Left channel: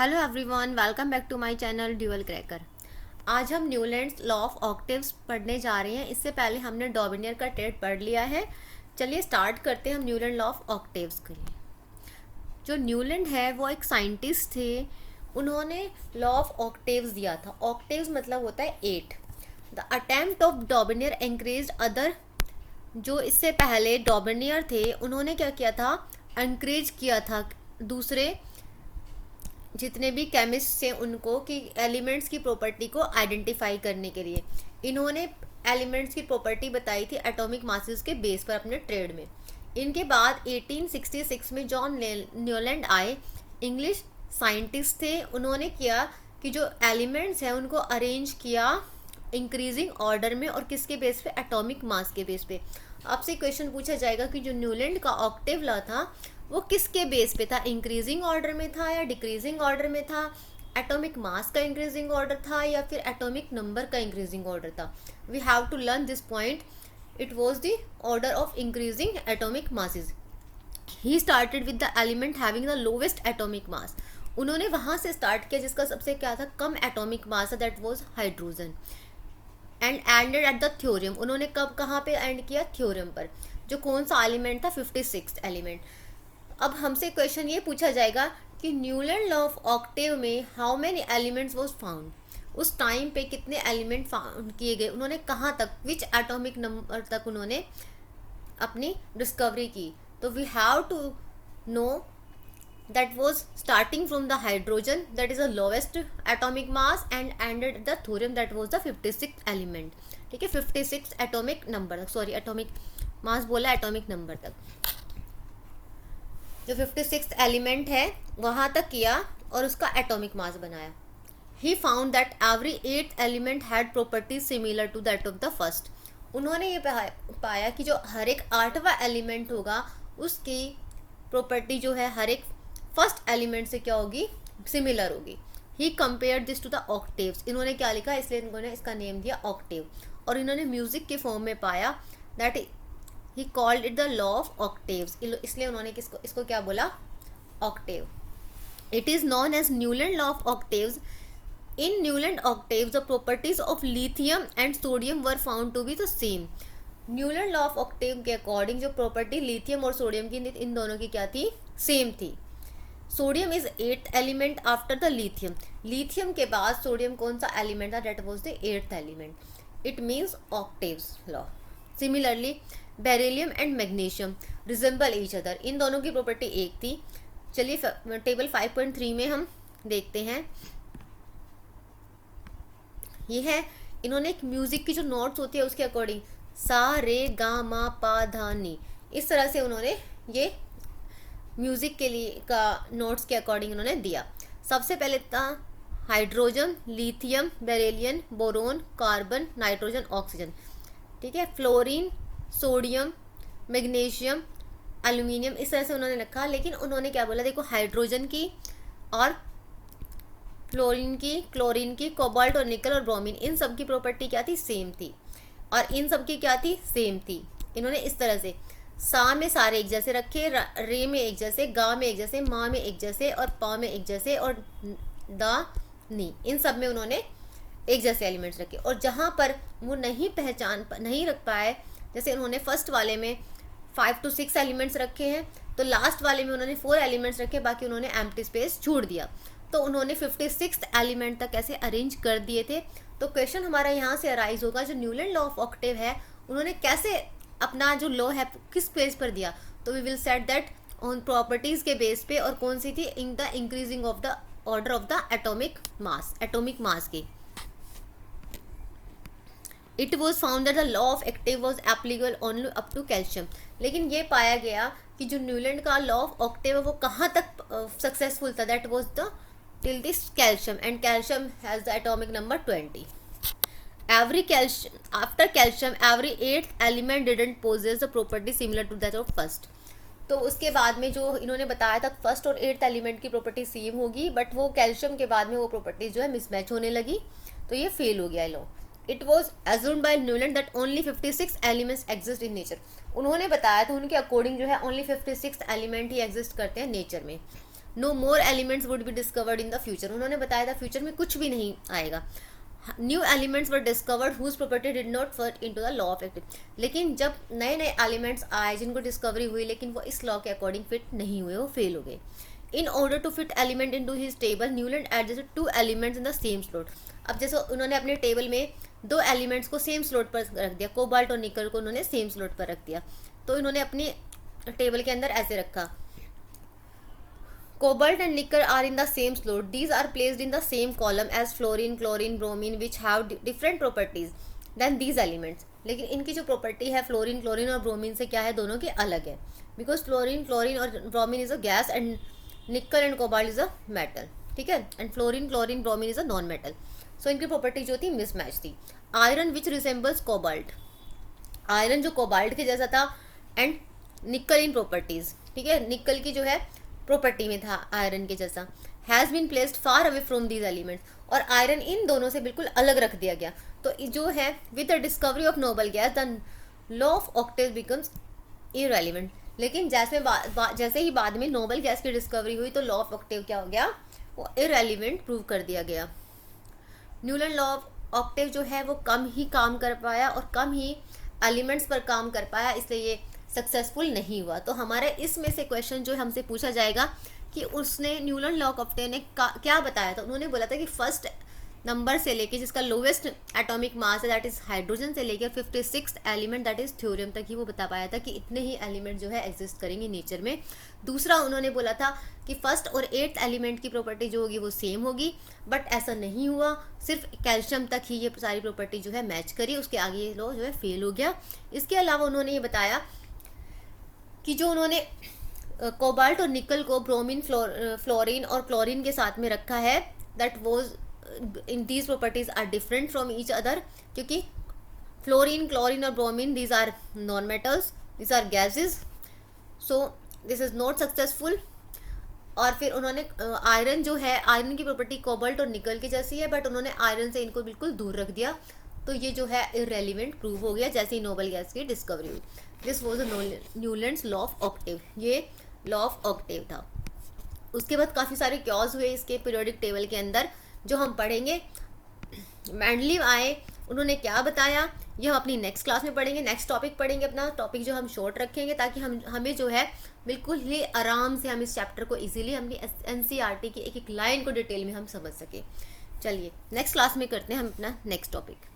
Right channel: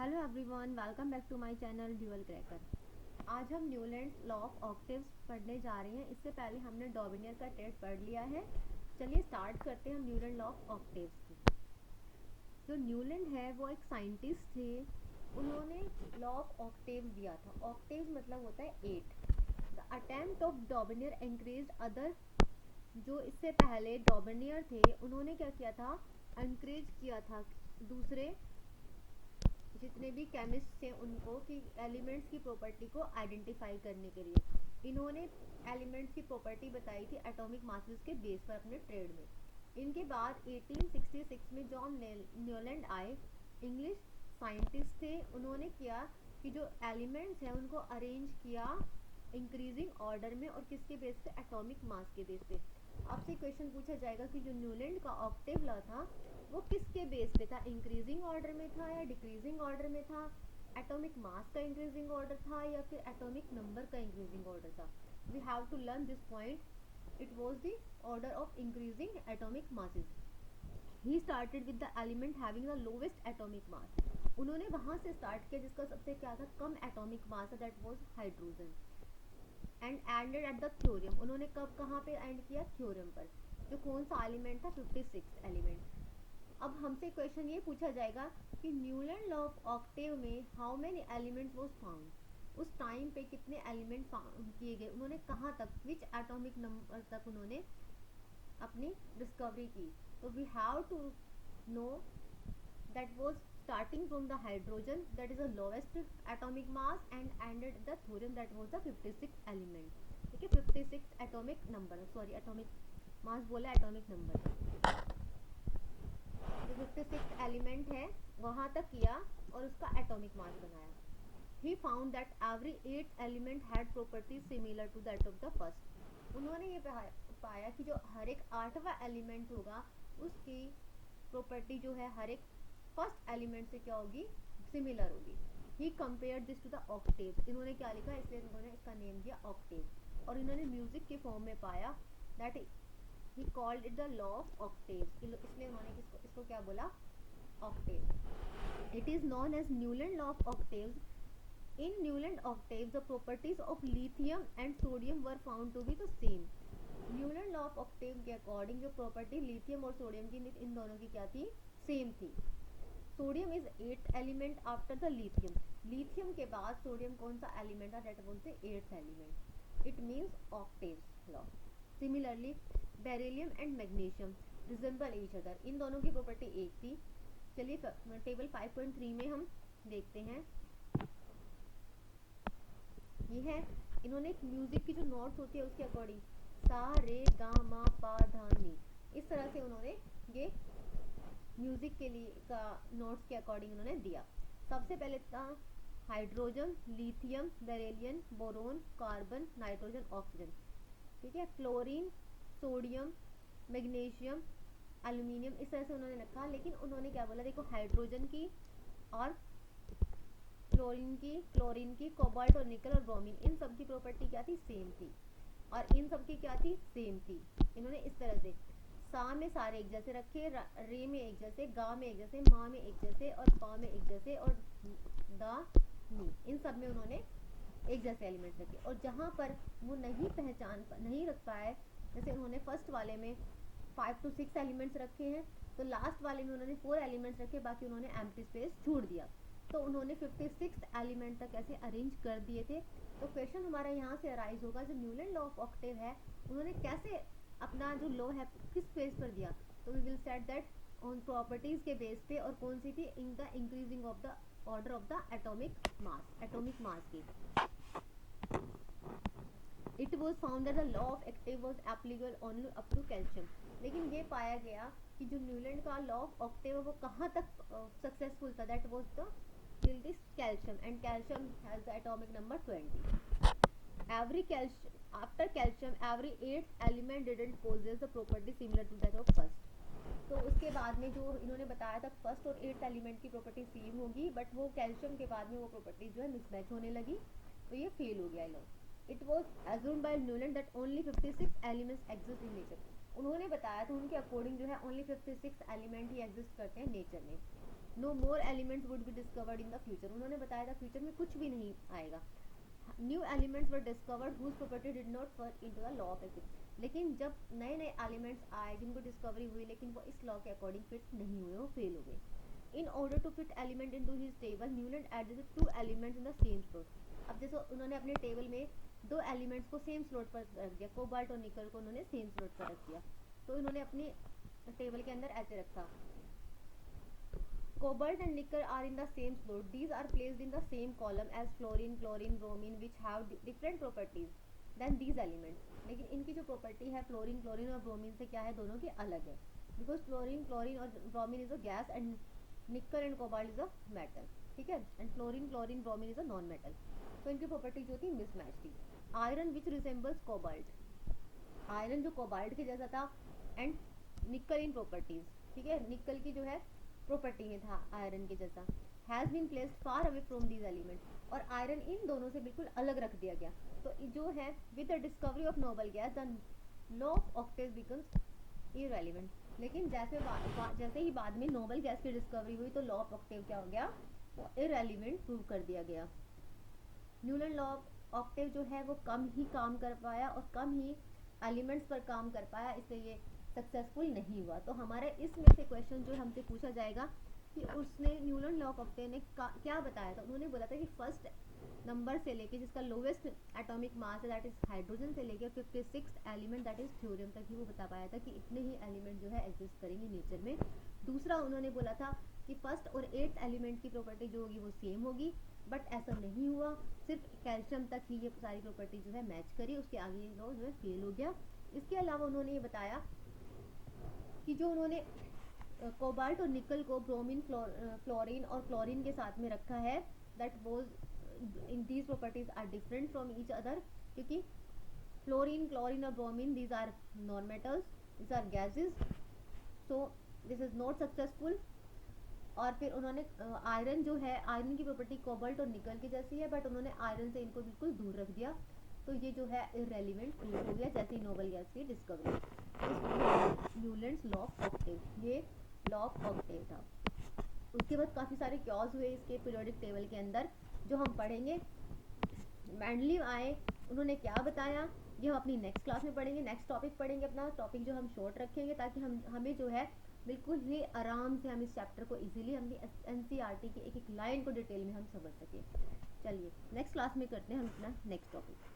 Hello everyone, welcome back to my channel Dual Cracker. आज हम Newlands law of octaves पढ़ने जा रहे हैं। इससे पहले हमने डॉबिनियर का ट्रेड पढ़ लिया है। चलिए स्टार्ट करते हैं हम न्यूलैंड लॉ ऑफ ऑक्टेव्स के लिए। जो न्यूलैंड है वो एक साइंटिस्ट थे। उन्होंने लॉ ऑफ ऑक्टेव्स दिया था। ऑक्टेव्स मतलब होता है 8। The attempt of Dobereiner encourage other, जो इससे पहले डॉबिनियर थे उन्होंने क्या किया था, एनकरेज किया था दूसरे जितने भी केमिस्ट थे उनको कि एलिमेंट्स की प्रॉपर्टी को आइडेंटिफाई करने के लिए। इन्होंने एलिमेंट्स की प्रॉपर्टी बताई थी एटॉमिक मासेस के बेस पर अपने ट्रेड में। इनके बाद 1866 में जॉन न्यूलैंड आए, इंग्लिश साइंटिस्ट थे। उन्होंने किया कि जो एलिमेंट्स हैं उनको अरेंज किया इंक्रीजिंग ऑर्डर में, और किसके बेस पे, एटॉमिक मास के बेस पे। आपसे क्वेश्चन पूछा जाएगा कि जो न्यूलैंड का ऑक्टेव लॉ था वो किसके बेस पे था, इंक्रीजिंग ऑर्डर में था या डिक्रीजिंग ऑर्डर में था, एटॉमिक मास का इंक्रीजिंग ऑर्डर था या फिर एटॉमिक नंबर का इंक्रीजिंग ऑर्डर था। We have to learn this point. It was the order of increasing atomic masses. He started with the element having the lowest atomic mass. उन्होंने वहां से start किया जिसका सबसे क्या था, कम एटॉमिक मास था, that was hydrogen. And ended at the theorem. उन्होंने कब कहाँ पे एंड किया, थ्योरम पर। जो कौन सा एलिमेंट था, 56 एलिमेंट। अब हमसे क्वेश्चन ये पूछा जाएगा कि न्यूलैंड लॉ ऑफ ऑक्टेव में how many elements was found. उस टाइम पे कितने एलिमेंट फाउंड किए गए, उन्होंने कहाँ तक, विच एटॉमिक नंबर तक उन्होंने अपनी डिस्कवरी की। तो we have to know that was starting from the hydrogen, that is the lowest atomic mass, and ended the thorium, that was the 56th element। ठीक है, 56 एटॉमिक नंबर तक, सॉरी एटॉमिक मास बोला, atomic number तक। जो 56th element है वहाँ तक किया और उसका एटॉमिक मास बनाया। He found that every 8th element had properties similar to that of the first. उन्होंने ये पाया कि जो हर एक 8वां एलिमेंट होगा उसकी प्रॉपर्टी जो है हर एक फर्स्ट एलिमेंट से क्या होगी, सिमिलर होगी। He compare this to the octaves. इन्होंने क्या लिखा, इसलिए इन्होंने इसका नेम दिया ऑक्टेव। और इन्होंने म्यूजिक के फॉर्म में पाया, that he called it the law of octaves. इसलिए उन्होंने इसको क्या बोला, octave. It is known as Newland law of octaves. In Newland octaves the properties of lithium and sodium were found to be the same. Newland law of octave के according जो property lithium और sodium की, इन दोनों की क्या थी, same थी। Sodium is 8th element after the lithium. Lithium के बाद सोडियम कौन सा एलिमेंट था, that was the 8th element. It means octaves law. Similarly beryllium and magnesium resemble each other. इन दोनों की प्रॉपर्टी एक थी। चलिए टेबल 5.3 में हम देखते हैं। ये है, इन्होंने एक म्यूजिक की जो नोट्स होती है उसके अकॉर्डिंग सा रे गा मा पा धा नी, इस तरह से उन्होंने ये म्यूजिक के लिए का नोट्स के अकॉर्डिंग उन्होंने दिया। सबसे पहले था hydrogen, lithium, beryllium, boron, carbon, nitrogen, oxygen. ठीक है, फ्लोरीन, सोडियम, मैग्नीशियम, एल्यूमिनियम, इस तरह से उन्होंने रखा। लेकिन उन्होंने क्या बोला, देखो हाइड्रोजन की और फ्लोरीन की, क्लोरीन की, कोबाल्ट और निकल और ब्रोमीन, इन सब की प्रॉपर्टी क्या थी, सेम थी। और इन सब की क्या थी, सेम थी। इन्होंने इस तरह से सा में सारे एक जैसे रखे, रे में एक जैसे, गा में एक जैसे, माँ में एक जैसे और पा में एक जैसे, और दा नी, इन सब में उन्होंने एक जैसे एलिमेंट्स रखे। और जहाँ पर वो नहीं रख पाए, जैसे उन्होंने फर्स्ट वाले में 5 to 6 एलिमेंट्स रखे हैं, तो लास्ट वाले में उन्होंने 4 एलिमेंट्स रखे, बाकी उन्होंने एम्प्टी स्पेस छोड़ दिया। तो उन्होंने 56th एलिमेंट तक ऐसे अरेंज कर दिए थे। तो क्वेश्चन हमारा यहाँ से अराइज होगा, जो न्यूलैंड लॉ ऑफ ऑक्टेव है उन्होंने कैसे अपना जो लॉ है किस बेस पर दिया। तो we will set that on properties के बेस पे, और कौन सी थी, in the increasing of the order of the atomic mass की। It was found that the law of octave was applicable only up to calcium. लेकिन ये पाया गया कि जो न्यूलैंड का लॉ ऑफ ऑक्टेव है वो कहाँ तक सक्सेसफुल था, that was the till this calcium, and calcium has the atomic number 20। Every calcium, after calcium, every 8th element didn't possess the property similar to that of first। तो उसके बाद में जो इन्होंने बताया था फर्स्ट और 8th एलिमेंट की प्रॉपर्टी सेम होगी, बट वो कैल्शियम के बाद में वो प्रॉपर्टी जो है मिसमैच होने लगी, तो ये फेल हो गया law. It was assumed by Newland that only 56 elements exist in nature. उन्होंने बताया तो उनके अकॉर्डिंग जो है ओनली 56 एलिमेंट ही एग्जिस्ट करते हैं नेचर में। No more elements would be discovered in the future, उन्होंने बताया था फ्यूचर में कुछ भी नहीं आएगा। New elements were discovered whose property did not fit into the law of active, लेकिन जब नए नए एलिमेंट्स आए जिनको डिस्कवरी हुई लेकिन वो इस लॉ के अकॉर्डिंग फिट नहीं हुए, वो फेल हो गए। In order to fit element into his table Newland adjusted 2 elements in the same slot. अब जैसे उन्होंने अपने टेबल में 2 एलिमेंट्स को सेम स्लॉट पर रख दिया, कोबाल्ट और निकल को उन्होंने सेम स्लॉट पर रख दिया, तो इन्होंने अपनी टेबल के अंदर ऐसे रखा, cobalt and nickel are in the same slot, these are placed in the same column as fluorine, chlorine, bromine which have different properties than these elements। लेकिन इनकी जो प्रॉपर्टी है फ्लोरीन, क्लोरीन और ब्रोमीन से क्या है, दोनों के अलग है, बिकॉज फ्लोरीन, क्लोरीन और bromine is a gas and nickel and cobalt is a metal, ठीक है, and fluorine, chlorine, bromine is a non metal. So इनकी प्रॉपर्टी जो थी मिसमैच थी। Iron which resembles cobalt, iron जो कोबाल्ट के जैसा था, एंड निकल इन प्रॉपर्टीज, ठीक है, निकल की जो है प्रॉपर्टी में था आयरन के जैसा, has been placed far away from these elements, और आयरन इन दोनों से बिल्कुल अलग रख दिया गया। तो जो है with the discovery of noble gas the law of Octave becomes irrelevant, लेकिन जैसे ही बाद में नोबल गैस की डिस्कवरी हुई तो लॉ ऑफ ऑक्टेव क्या हो गया, वो इररेलेवेंट प्रूव कर दिया गया। न्यूलैंड लॉ ऑफ ऑक्टेव जो है वो कम ही काम कर पाया और कम ही एलिमेंट्स पर काम कर पाया, इसलिए ये सक्सेसफुल नहीं हुआ। तो हमारे इसमें से क्वेश्चन जो हमसे पूछा जाएगा कि उसने न्यूलैंड लॉ ऑफ ऑक्टेव ने क्या बताया था। उन्होंने बोला था कि फर्स्ट नंबर से लेके जिसका लोवेस्ट एटॉमिक मास है दैट इज हाइड्रोजन से लेकर 56th element that is theorem तक ही वो बता पाया था कि इतने ही एलिमेंट जो है एग्जिस्ट करेंगे नेचर में। दूसरा उन्होंने बोला था कि फर्स्ट और 8th एलिमेंट की प्रॉपर्टी जो होगी वो सेम होगी, बट ऐसा नहीं हुआ, सिर्फ कैल्शियम तक ही ये सारी प्रॉपर्टी जो है मैच करी, उसके आगे ये लॉ जो है फेल हो गया। इसके अलावा उन्होंने ये बताया कि जो उन्होंने कोबाल्ट और निकल को ब्रोमीन, फ्लोरीन और क्लोरीन के साथ में रखा है, that was in these properties are different from each other, क्योंकि फ्लोरीन, क्लोरीन और bromine these are non metals, these are gases, so this is not successful. और फिर उन्होंने आयरन जो है, आयरन की प्रॉपर्टी कोबाल्ट और निकल की जैसी है, बट उन्होंने आयरन से इनको बिल्कुल दूर रख दिया, तो ये जो है इररेलेवेंट प्रूव हो गया जैसे ही नोबल गैस की डिस्कवरी हुई। This was Newlands law of Octave, ये लॉ ऑफ ऑक्टेव था। उसके बाद काफ़ी सारे क्योज हुए इसके पीरियोडिक टेबल के अंदर जो हम पढ़ेंगे। मैंडलीव आए, उन्होंने क्या बताया ये हम अपनी नेक्स्ट क्लास में पढ़ेंगे, नेक्स्ट टॉपिक पढ़ेंगे, अपना टॉपिक जो हम शॉर्ट रखेंगे ताकि हमें जो है बिल्कुल ही आराम से हम इस चैप्टर को इजीली अपनी NCERT की एक एक लाइन को डिटेल में हम समझ सके। चलिए नेक्स्ट क्लास में करते हैं हम अपना नेक्स्ट टॉपिक।